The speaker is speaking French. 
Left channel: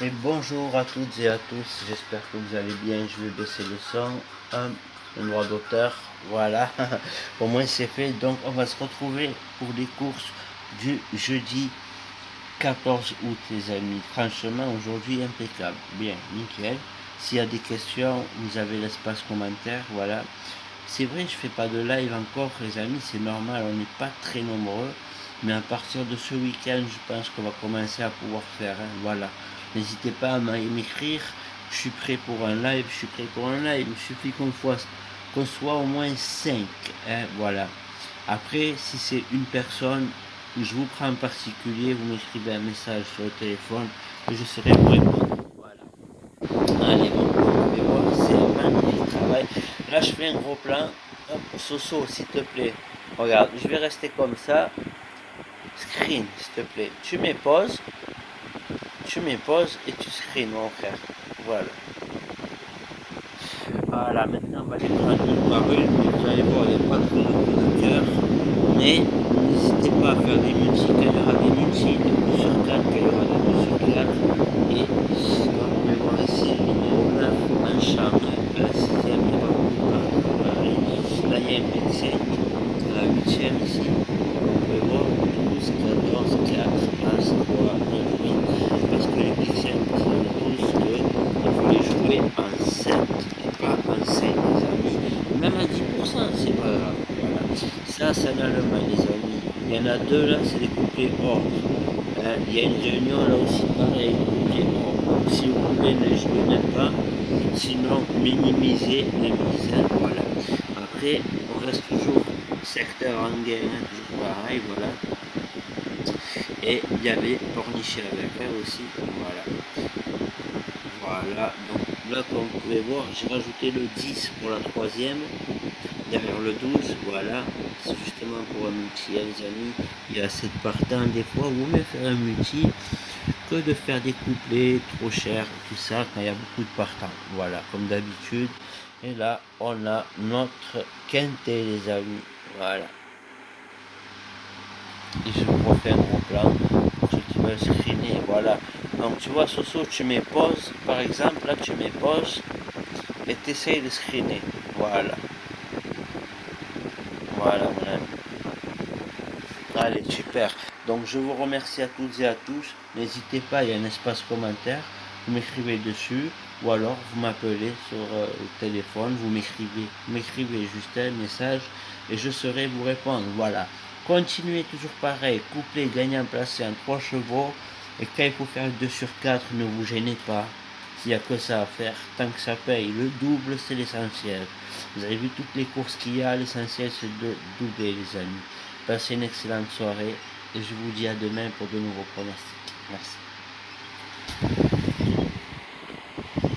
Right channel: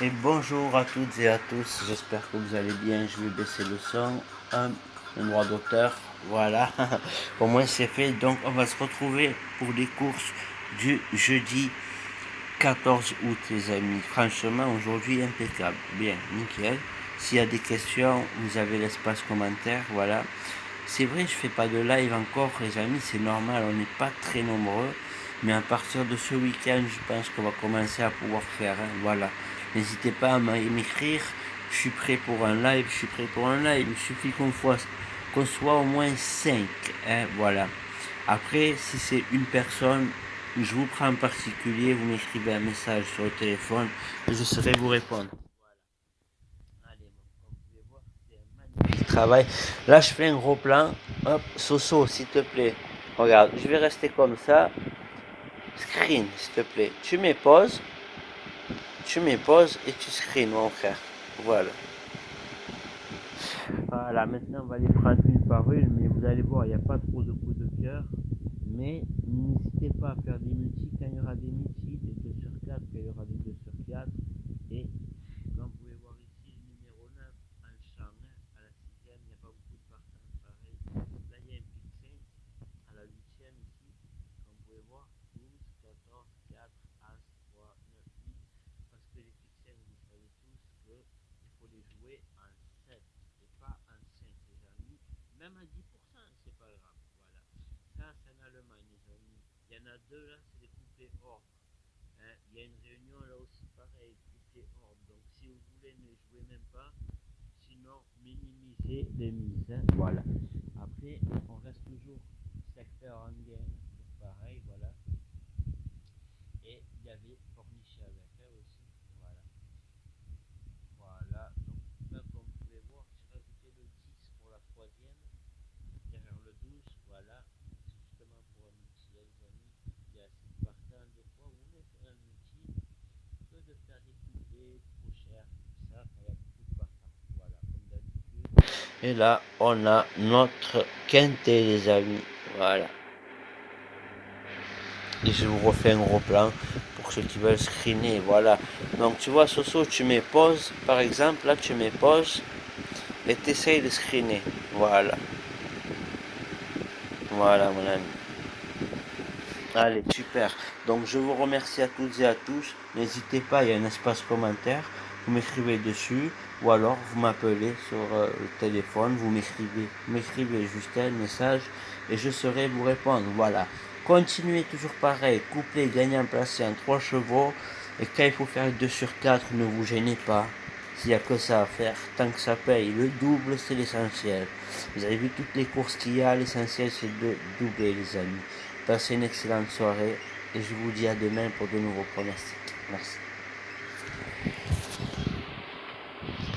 Et bonjour à toutes et à tous, j'espère que vous allez bien. Je vais baisser le son, le droit d'auteur, voilà. Au moins c'est fait, donc on va se retrouver pour les courses du jeudi 14 août les amis. Franchement aujourd'hui impeccable, bien, nickel. S'il y a des questions, vous avez l'espace commentaire, voilà. C'est vrai, je fais pas de live encore les amis, c'est normal, on n'est pas très nombreux. Mais à partir de ce week-end, je pense qu'on va commencer à pouvoir faire, hein, voilà. N'hésitez pas à m'écrire, je suis prêt pour un live, je suis prêt pour un live. Il suffit qu'on soit au moins 5, hein, voilà. Après, si c'est une personne, je vous prends en particulier, vous m'écrivez un message sur le téléphone, et je serai vous répondre. Allez, bon, vous voir, c'est un magnifique travail. Là, je fais un gros plan. Hop, Soso, s'il te plaît. Regarde, je vais rester comme ça. Screen, s'il te plaît. Tu mets pause et tu screen, mon frère. Voilà. Voilà, maintenant on va les prendre une par une, mais vous allez voir, il n'y a pas trop de coups de cœur. Mais n'hésitez pas à faire des multis quand il y aura des multis, des 2 sur 4 quand il y aura des 2 sur 4. Et comme vous pouvez voir ici, le numéro 9 en chambre, à la 6ème, il y a pas beaucoup de partout. Là, il y a un médecin, à la 8ème ici. Vous pouvez voir 12, 14, 4, As, 3, 9, 8. Parce que les médecins, vous savez tous qu'il faut les jouer en 7 et pas en 5, les amis. Même à 10%, c'est pas grave. Voilà. Ça, c'est en Allemagne, les amis. Il y en a deux là, c'est des couplets or. Il y a une réunion là aussi, pareil, couplets or. Donc, si vous voulez, ne jouez même pas. Sinon, minimisez les mises. Voilà. Après, on reste toujours secteur en gain, toujours pareil, voilà. Et il y avait Pornichet avec elle aussi, voilà. Voilà, donc là comme vous pouvez voir, j'ai rajouté le 10 pour la troisième, derrière le 12, voilà. C'est justement pour un multi, hein, les amis. Il y a assez de partants, des fois, vous mieux faire un multi que de faire des couplets trop chers, tout ça, quand il y a beaucoup de partants. Voilà, comme d'habitude. Et là, on a notre quintet, les amis. Voilà. Et je vous refais un gros plan pour ceux qui veulent screener. Voilà. Donc tu vois, Soso, tu mets pause. Par exemple, là, tu mets pause et tu essayes de screener. Voilà. Voilà, mon ami. Allez, super. Donc je vous remercie à toutes et à tous. N'hésitez pas, il y a un espace commentaire. Vous m'écrivez dessus ou alors vous m'appelez sur le téléphone. Vous m'écrivez juste un message et je saurai vous répondre. Voilà. Continuez toujours pareil. Couplet gagnant placé en 3 chevaux. Et quand il faut faire 2 sur 4, ne vous gênez pas. S'il n'y a que ça à faire, tant que ça paye, le double c'est l'essentiel. Vous avez vu toutes les courses qu'il y a, l'essentiel c'est de doubler les amis. Passez une excellente soirée et je vous dis à demain pour de nouveaux pronostics. Merci.